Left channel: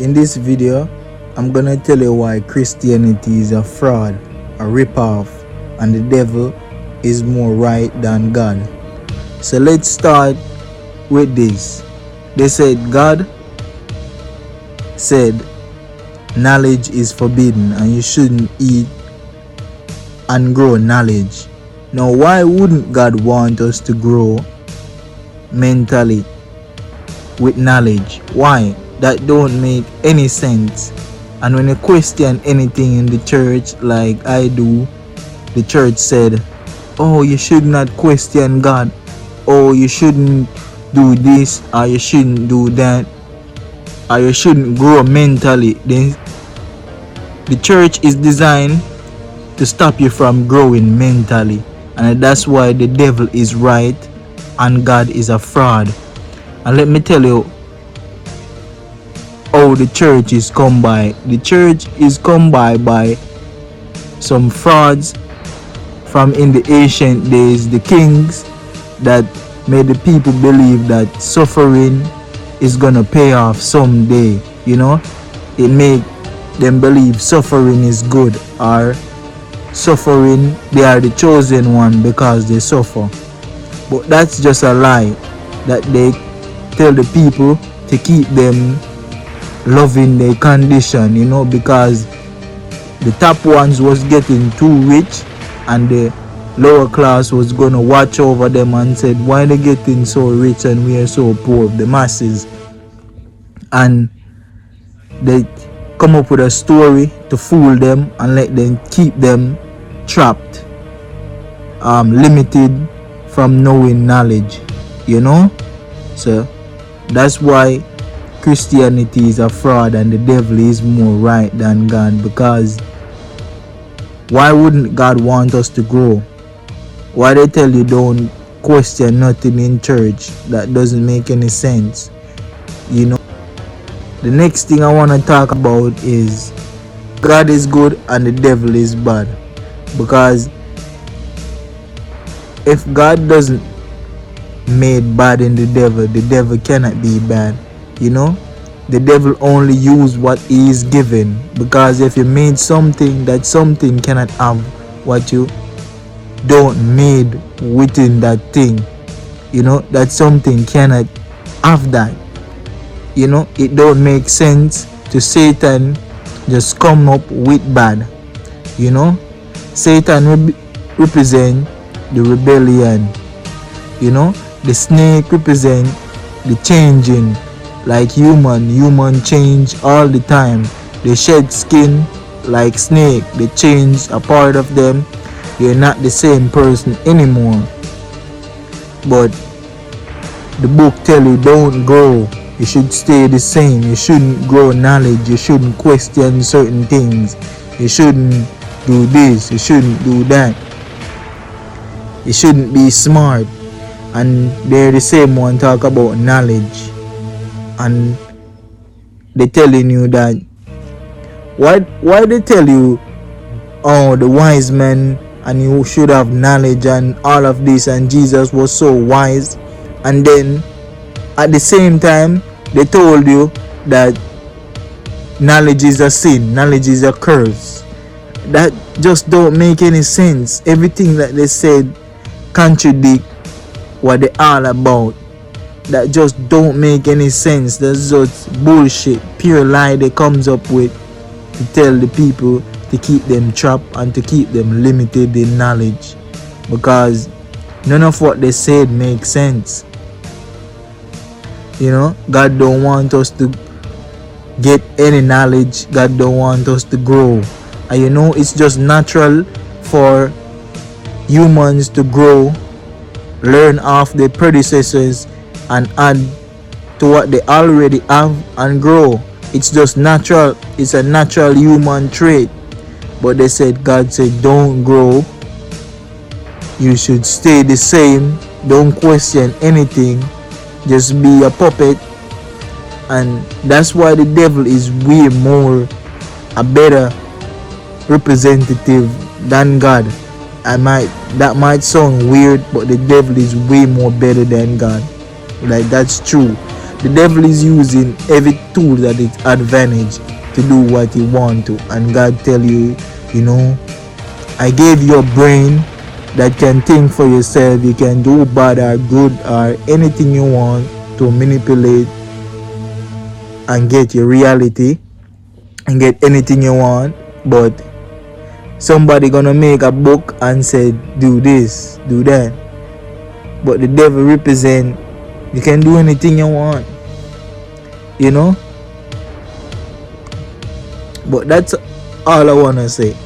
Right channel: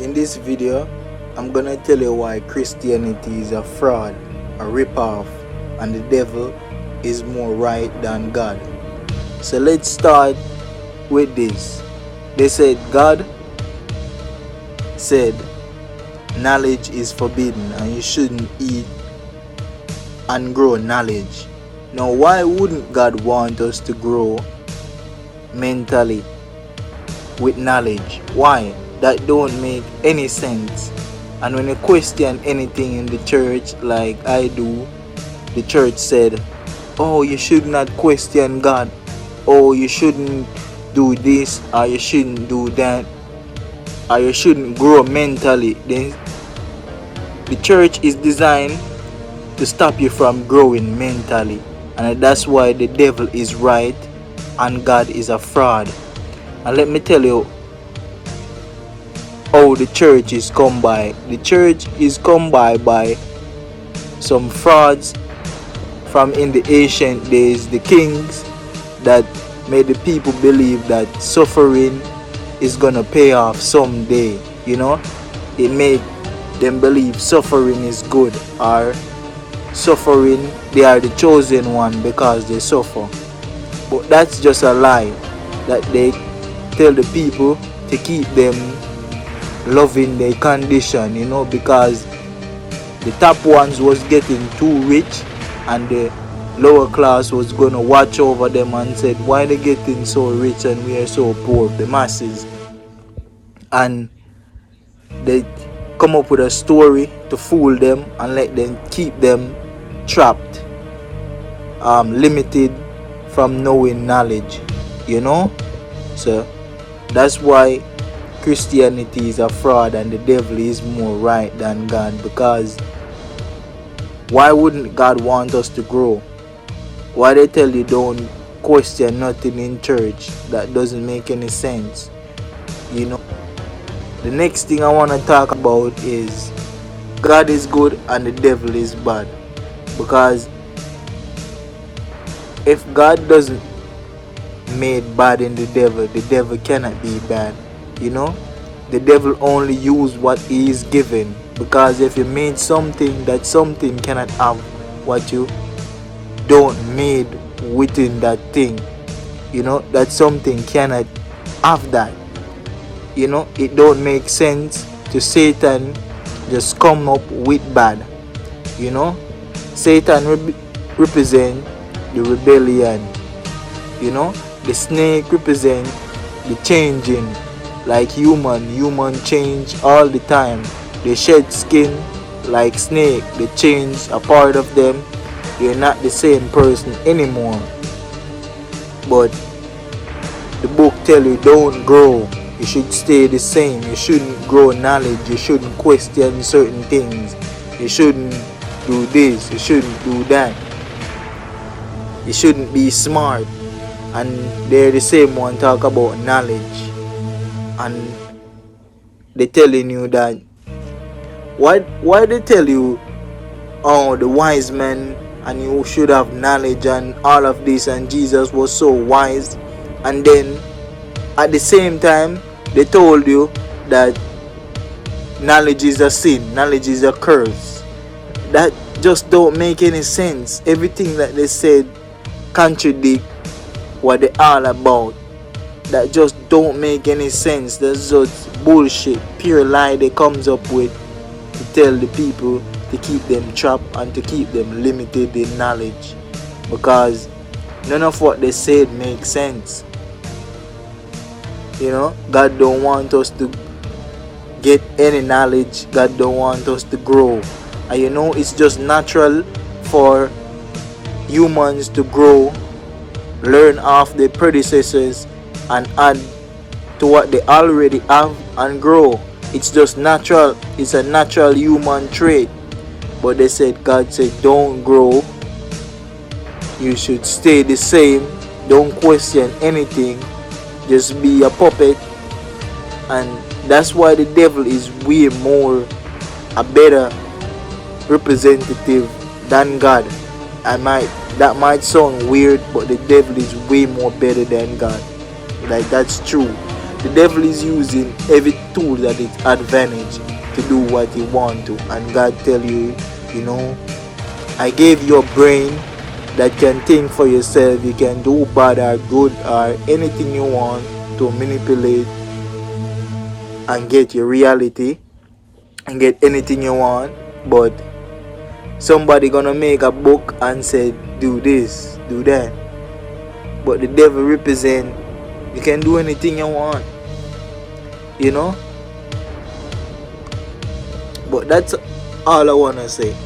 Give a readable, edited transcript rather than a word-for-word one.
In this video, I'm gonna tell you why Christianity is a fraud, a ripoff, and the devil is more right than God. So let's start with this. They said God said knowledge is forbidden and you shouldn't eat and grow knowledge. Now why wouldn't God want us to grow mentally with knowledge? Why? That don't make any sense. And when you question anything in the church like I do, the church said, oh, you should not question God, oh, you shouldn't do this, or you shouldn't do that, or you shouldn't grow mentally. Then the church is designed to stop you from growing mentally, and that's why the devil is right and God is a fraud. And let me tell you how the church is come by. The church is come by some frauds from in the ancient days, the kings that made the people believe that suffering is gonna pay off someday. You know, it made them believe suffering is good, or suffering, they are the chosen one because they suffer. But that's just a lie that they tell the people to keep them loving their condition, you know, because the top ones was getting too rich and the lower class was gonna watch over them and said, why they getting so rich and we are so poor, the masses. And they come up with a story to fool them and let them keep them trapped, limited from knowing knowledge, you know. So that's why Christianity is a fraud and the devil is more right than God. Because why wouldn't God want us to grow? Why they tell you don't question nothing in church? That doesn't make any sense, you know. The next thing I want to talk about is God is good and the devil is bad. Because if God doesn't made bad in the devil cannot be bad, you know. The devil only use what he is given, because if you made something, that something cannot have what you don't made within that thing, you know. That something cannot have that, you know. It don't make sense to Satan just come up with bad, you know. Satan represent the rebellion, you know. The snake represent the changing, like human change all the time. They shed skin like snake, they change a part of them, they're not the same person anymore. But the book tell you don't grow, you should stay the same. You shouldn't grow knowledge, you shouldn't question certain things, you shouldn't do this, you shouldn't do that, you shouldn't be smart. And they're the same one talk about knowledge, and they telling you that why they tell you, oh, the wise men and you should have knowledge and all of this, and Jesus was so wise, and then at the same time they told you that knowledge is a sin, knowledge is a curse. That just don't make any sense. Everything that they said contradict what they all about. That just don't make any sense. That's just bullshit, pure lie they comes up with to tell the people to keep them trapped and to keep them limited in knowledge, because none of what they said makes sense, you know. God don't want us to get any knowledge, God don't want us to grow. And you know, it's just natural for humans to grow, learn off their predecessors and add to what they already have and grow. It's just natural, it's a natural human trait. But they said, God said don't grow, you should stay the same, don't question anything, just be a puppet. And that's why the devil is way more a better representative than God. That might sound weird, but the devil is way more better than God. Like, that's true. The devil is using every tool at its advantage to do what he want to. And God tell you, you know, I gave you a brain that can think for yourself. You can do bad or good or anything you want to manipulate and get your reality and get anything you want. But somebody gonna make a book and say do this, do that. But the devil represent you can do anything you want, you know. But that's all I wanna say.